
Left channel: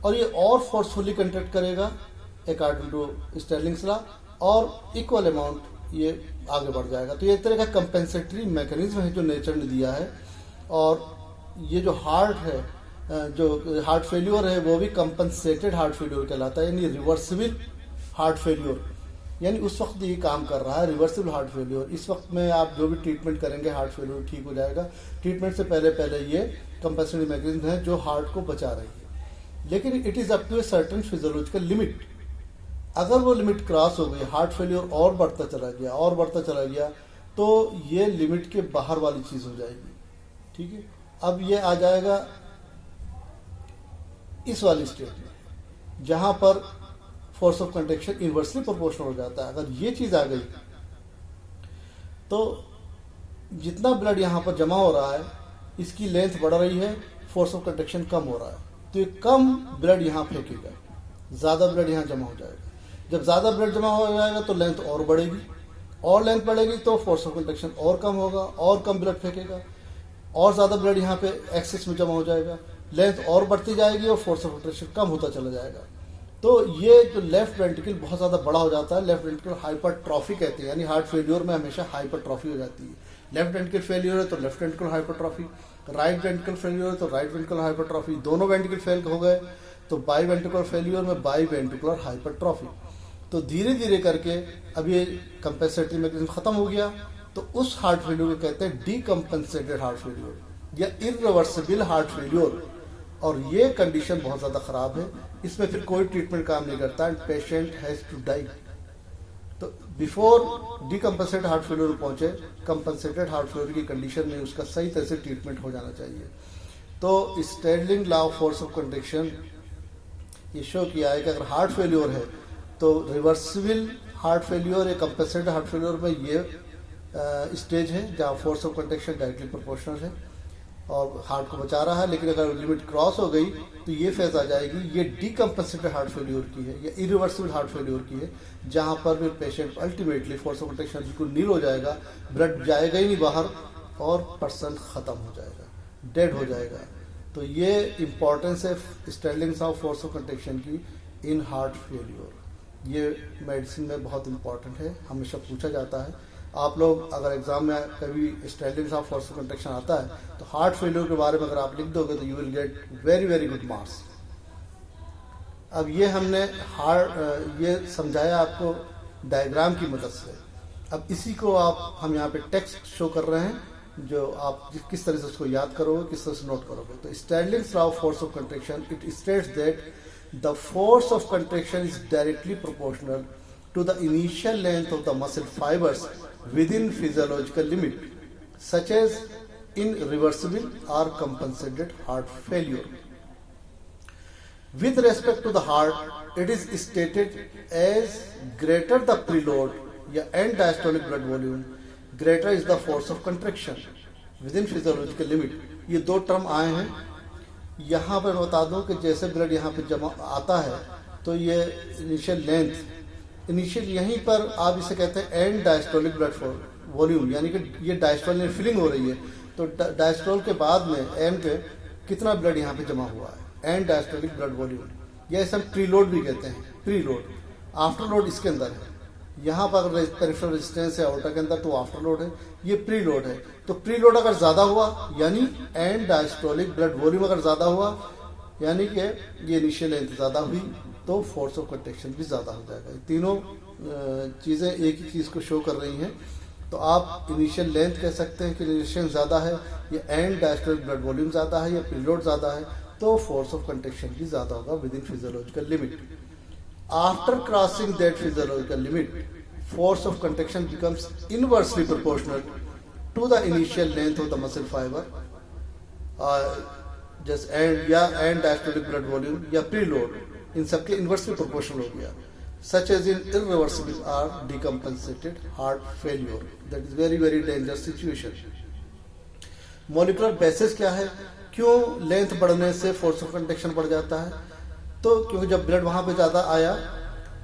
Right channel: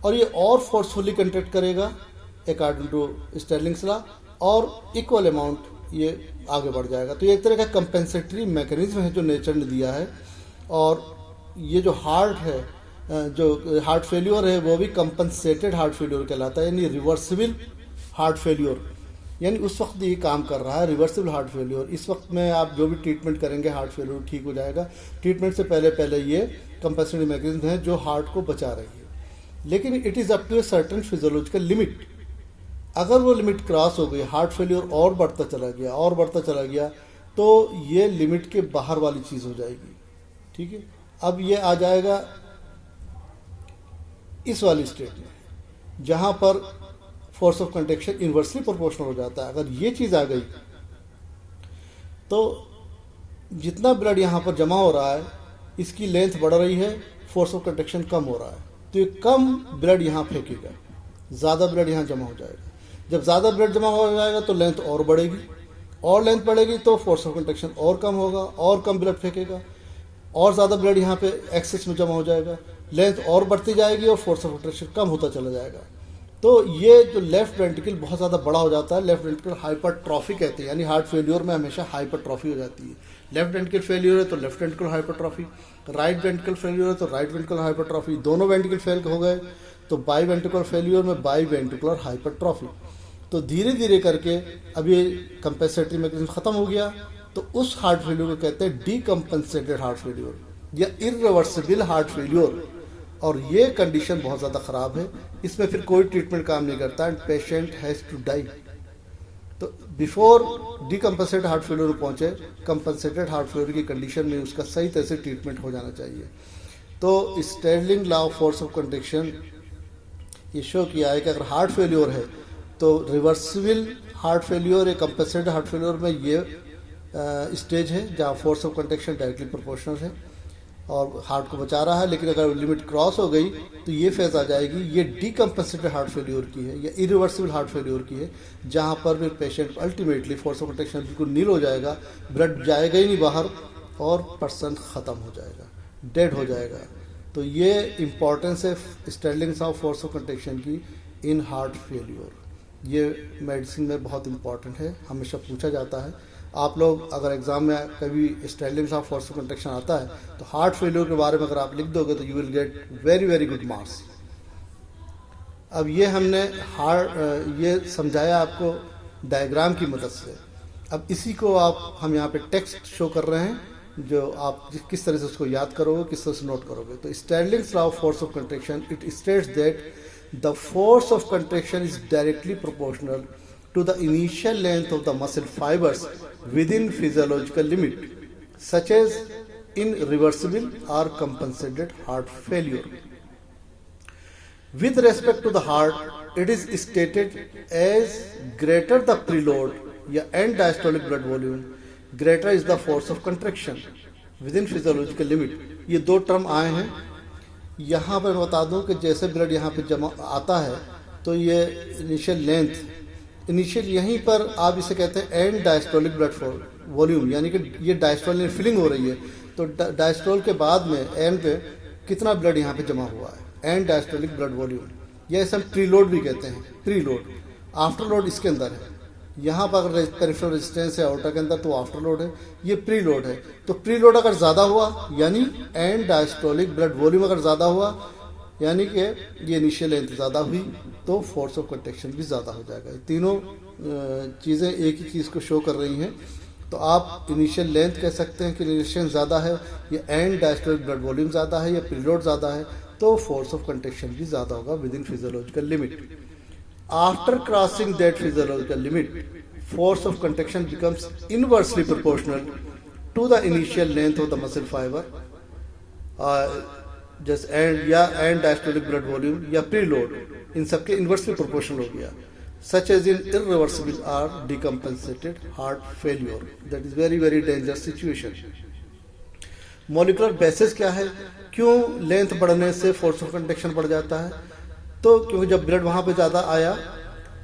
और ये और फोर्सफुली कंट्रैक्ट करेगा अकॉर्डिंग टू स्टर्लिंग्स लॉ और इक्वल अमाउंट ये आगे बढ़ जाएगा। तो ये एक तरह का कंपेंसेटरी मैकेनिज्म है जो नेचर ने दिया है। और ये जो हार्ट है, जो हार्ट फेल्योर है, वो भी कंपनसेटेड हार्ट फेल्योर कहलाता है, यानी रिवर्सिबल हार्ट फेल्योर। यानी उस वक्त ये काम कर रहा है रिवर्सिबल हार्ट फेल्योर। इस वक्त में आप जो भी ट्रीटमेंट करेंगे हार्ट फेल्योर ठीक हो जाएगा। ट्रीटमेंट से पहले ये कंपनसेटरी मैकेनिज्म है जो हार्ट को बचा रही है। लेकिन it is up to a certain physiological limit. अगर वो लिमिट क्रॉस हो गई, हार्ट फेल्योर और बढ़ता चला गया तो ये लिमिट के बाहर वाली चीज़ हो जाएगी। ठीक है, अब ये आ जाएगा इस वाली स्टेट में जहां पर force of contraction inversely proportional हो जाता है। अगर ये चीज़ आ गई तो जितना ब्लड यहाँ पर जमा हो रहा है इसकी लेंथ बढ़ रही है, फोर्स ऑफ कंट्रैक्शन कम हो रहा है, तो ये कम ब्लड यहाँ फेंकेगा, ज़्यादा ब्लड यहाँ जमा हो जाएगा। जब ज़्यादा ब्लड जमा हो जाएगा तो लेंथ और बढ़ेगी, और लेंथ बढ़ेगी तो फोर्स ऑफ कंट्रैक्शन और कम होगा, और कम ब्लड फेंकेगा, और ज़्यादा ब्लड यहाँ पे एक्सेस में जमा हो जाएगा, लेंथ और बढ़ती जाएगी और फोर्स ऑफ कंट्रैक्शन कम होता चला जाएगा। तो ये जो लेफ्ट वेंट्रिकल बहुत ज़्यादा बड़ा हो जाता है, लेफ्ट वेंट्रिकल हाइपरट्रॉफी कहते हैं, यानी हार्ट फेल्योर में हमेशा हाइपरट्रॉफी हो जाती है। लेफ्ट वेंट्रिकल फेल्योर है तो left ventricle hypertrophy, right ventricle failure है तो राइट वेंट्रिकल हाइपरट्रॉफी, दोनों वेंट्रिकल फेल हो गए तो बाई वेंट्रिकुलर फेल्योर में बाई वेंट्रिकुलर हाइपरट्रॉफी। तो धीरे धीरे करके अब ये कंपेंसेटरी मैकेनिज्म खत्म हो गया तो उस हार्ट फेल्योर को कहते हैं डीकम्पेंसेटेड हार्ट फेल्योर या इरिवर्सिबल हार्ट फेल्योर। और ये कंडीशन बहुत ज़्यादा ख़राब है, इसमें फिर कोई ट्रीटमेंट काम नहीं करता and patient has to die. तो बिफोर डीकम्पेंसेटेड हार्ट फेल्योर पहुंचे, कंपेंसेटेड हार्ट फेल्योर की कंडीशन में उसका सही तरह से ट्रीटमेंट हो जाना चाहिए। तो Starling law of force of contraction ये शो किया है कि अगर हार्ट फेल्योर है तो रिवर्सिबल हार्ट फेल्योर या कंपेंसेटेड हार्ट फेल्योर में ये स्टेज है जहाँ force of contraction directly proportional है और हार्ट को बचा रहा है। लेकिन अगर लिमिट क्रॉस हो गई तो ये फेज आ जाएगी, ये डीकम्पेंसेटेड हार्ट फेल्योर की है या इरिवर्सिबल हार्ट फेल्योर की है, जहाँ पर फिर patient ultimately force of contraction बिल्कुल नील हो जाएगा, ब्लड जाएगा ही नहीं बाहर और पर्सन ख़त्म हो जाएगा, डेड हो जाएगा। तो ये इम्पॉर्टेंस है Starling of force of contraction की इन हार्ट फेल्योर। ये मेडिसिन में बहुत इंपॉर्टेंट है, हमेशा पूछा जाता है। आप लोग अगर एग्जाम में कभी Starling of force of contraction आता है तो हार्ट फेल्योर के बारे में अगर आप लिख दोगे तो you will get very very good marks. अब ये हमने ये समझाया आपको डायग्राम की मदद से। अब इसी को हम यहाँ पे टेक्स्ट शो कर रहे हैं जो आप किस तरह से उसको याद करोगे, किस तरह से नोट करोगे। तो Starling law of force of contraction it states that the force of contraction is directly proportional to the initial length of the muscle fibers within physiological limit, such as in reversible or compensated heart failure. With respect to the heart, it is stated as greater the preload या end diastolic blood volume, greater is the force of contraction within physiological limit। ये दो term आए हैं। यहाँ पर बता दूं कि जैसे ब्लड यहाँ पे जमा आता है तो ये इनिशियल लेंथ, इनिशियल यहीं पर आप इसे कहते हैं एंड डायस्टोलिक ब्लड वॉल्यूम, यानी कि ये डायस्टोलिक फिलिंग हो रही है। तो डायस्टोल के बाद में एंड पे कितना ब्लड यहाँ पे जमा हुआ है, एंड डायस्टोलिक ब्लड वॉल्यूम, या इसे हम प्रीलोड भी कहते हैं। प्रीलोड, आफ्टरलोड इसके अंदर है। यहाँ पर अगर पेरिफेरल रेजिस्टेंस है ऑल्टा के अंदर तो आफ्टरलोड है, ये प्रीलोड है। तो प्रीलोड अगर ज्यादा हुआ यानी एंड डायस्टोलिक ब्लड वॉल्यूम अगर ज्यादा हुआ यानी कि ये इनिशियल लेंथ ज्यादा हुई तो फोर्स ऑफ कंट्रैक्शन भी ज्यादा हो जाएगा। तीनों चीजें एक ही चीज को शो कर रही हैं। तो आप इनिशियल लेंथ कह सकते हैं कि रिलेशन ज्यादा है, या एंड डायस्टोलिक ब्लड वॉल्यूम ज्यादा है, या प्रीलोड ज्यादा है, तो फोर्स ऑफ कंट्रैक्शन भी ज्यादा होगा with in physiological limit. After crossing that physiological limit, force of contraction becomes inversely proportional to the initial length of the muscle fiber, just and diastolic blood volume या preload, इन सबके inversely proportional हो गया, such as in irreversible or decompensated heart failure. That is very very dangerous situation. Molecular basis क्या है, क्यों length बढ़ने से force of contraction बढ़ जाता है? तो क्योंकि जब ब्लड वहां पे ज्यादा आया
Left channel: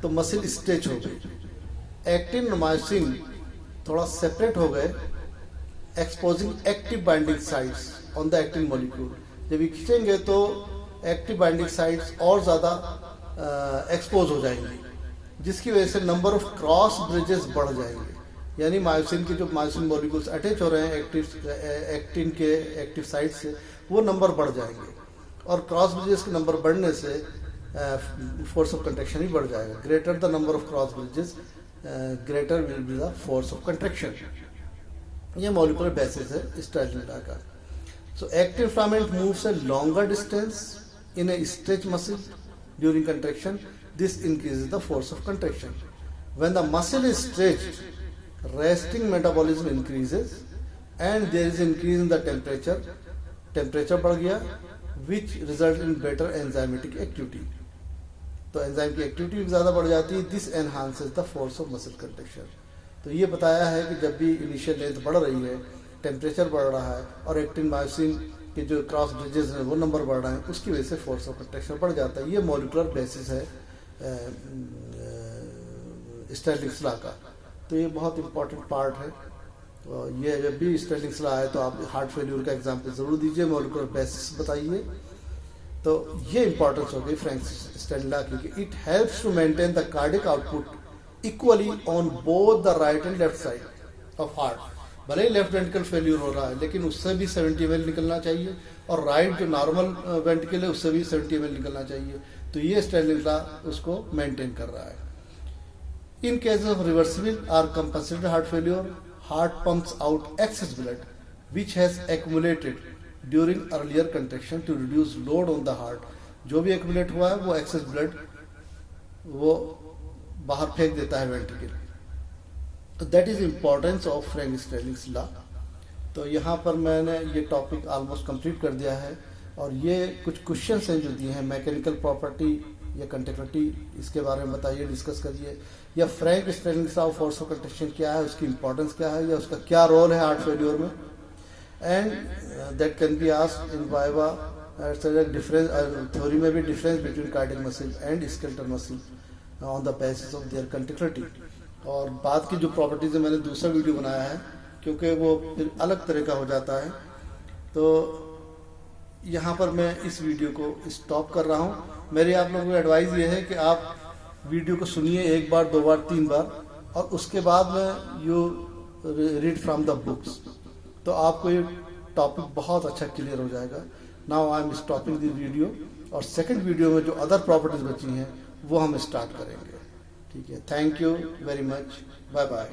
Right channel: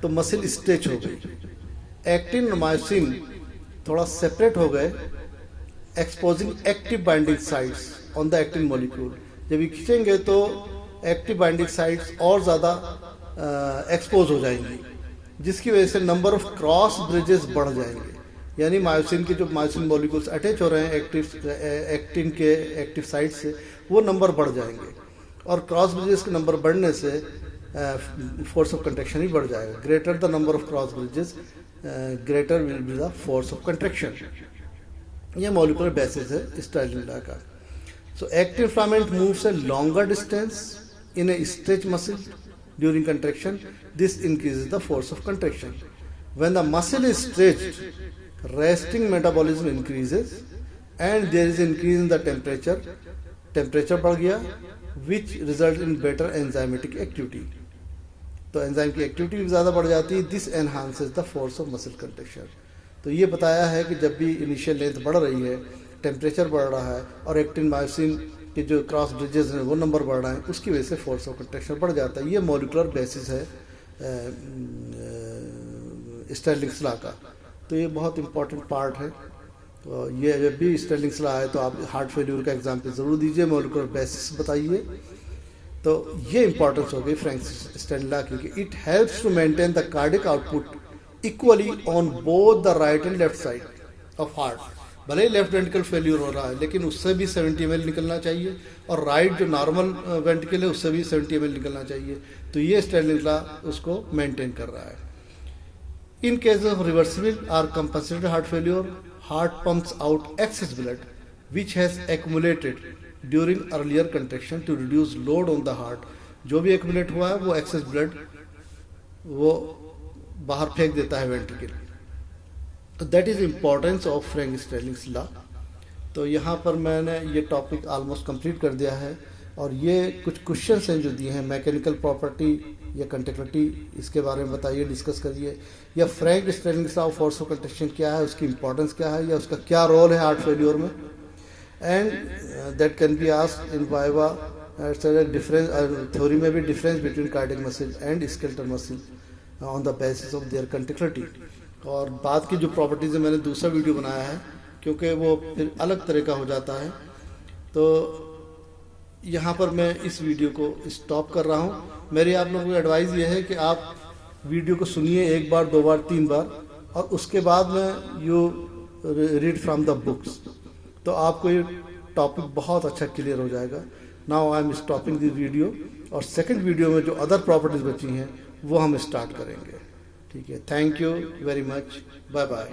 तो मसिल स्ट्रेच हो गई, एक्टिन और मायोसिन थोड़ा सेपरेट हो गए, exposing active binding sites on the actin molecule. जब ये खींचेंगे तो एक्टिव बाइंडिंग साइट्स और ज्यादा एक्सपोज हो जाएंगी, जिसकी वजह से नंबर ऑफ क्रॉस ब्रिजेस बढ़ जाएंगे। यानी मायोसिन के जो मायोसिन मॉलिक्यूल्स अटैच हो रहे हैं एक्टिन के एक्टिव साइट से, वो नंबर बढ़ जाएंगे, और क्रॉस ब्रिजेस के नंबर बढ़ने से फोर्स ऑफ कंट्रैक्शन ही बढ़ जाएगा। Greater the number of cross bridges greater will be the force of contraction. ये मॉलिक्यूलर बेसिस है स्टाइलिन का। So active filament moves a longer distance in a stretch muscle during contraction, this increases the force of contraction. When the muscle is stretched, resting metabolism increases and there is increase in the temperature बढ़ गया, which result in better enzymatic activity. तो enzyme की activity भी ज्यादा बढ़ जाती है। This enhances the force of muscle contraction. तो ये बताया है कि जब भी इनिशियल लेंथ बढ़ रही है, टेम्परेचर बढ़ रहा है, और एक्टिन मायोसिन के जो क्रॉस ब्रिजेस हैं वो नंबर बढ़ रहा है, उसकी वजह से फोर्स ऑफ कंट्रैक्शन बढ़ जाता है। ये मॉलिक्यूलर बेसिस है स्टाइलिंग्स लॉ का। तो ये बहुत इंपॉर्टेंट पार्ट है। तो ये जब भी स्टाइलिंग्स लॉ आए तो आप हार्ट फेल्यूर का एग्जाम्पल जरूर दीजिए, मॉलिक्यूलर बेसिस बताइए। तो ये इंपॉर्टेंस हो गई फ्रैंक स्टाइलिन लॉ की, it helps to maintain the cardiac output equally on both the right and left side of heart. भले ही लेफ्ट वेंट्रिकल फेल्यूर हो रहा है, लेकिन उससे भी 70 ml निकलना चाहिए, और राइट जो नॉर्मल वेंट्रिकल है उससे भी 70 ml निकलना चाहिए। तो ये स्टाइलिन लॉ उसको मेंटेन कर रहा है। इन केस ऑफ रिवर्सिबल और compensated heart failure, heart pumps out excess blood which has accumulated during earlier contraction to reduce load on the heart. जो भी accumulate हुआ है वो excess blood वो बाहर फेंक देता है वेंट्रिकल। तो that is importance of Frank-Starling's law। तो यहाँ पर मैंने ये टॉपिक ऑलमोस्ट कंप्लीट कर दिया है, और ये कुछ क्वेश्चंस हैं जो दिए हैं, मैकेनिकल प्रॉपर्टी या कंडक्टिविटी, इसके बारे में बताइए, डिस्कस करिए, या Frank Starling's law of force of contraction क्या है, उसकी इंपॉर्टेंस क्या है, या उसका क्या रोल है हार्ट फेल्यूर में, and that can be asked in viva. Difference theory में भी difference between cardiac muscle and skeletal muscle on the basis of their conductivity. और बाद की जो प्रॉपर्टीज है मैंने दूसरा वीडियो बनाया है, क्योंकि वो फिर अलग तरह का हो जाता है। तो यहाँ पर मैं इस वीडियो को स्टॉप कर रहा हूँ। मेरी आप लोगों को एडवाइस ये है कि आप वीडियो को सुनिए 1 बार 2 बार 3 बार, और उसके बाद में you read from the books, तो आपको ये टॉपिक बहुत अच्छा क्लियर हो जाएगा। Now I am stopping this video, और सेकंड वीडियो में जो अदर प्रॉपर्टीज बची हैं वो हम स्टार्ट करेंगे। ठीक है, thank you very much, bye bye.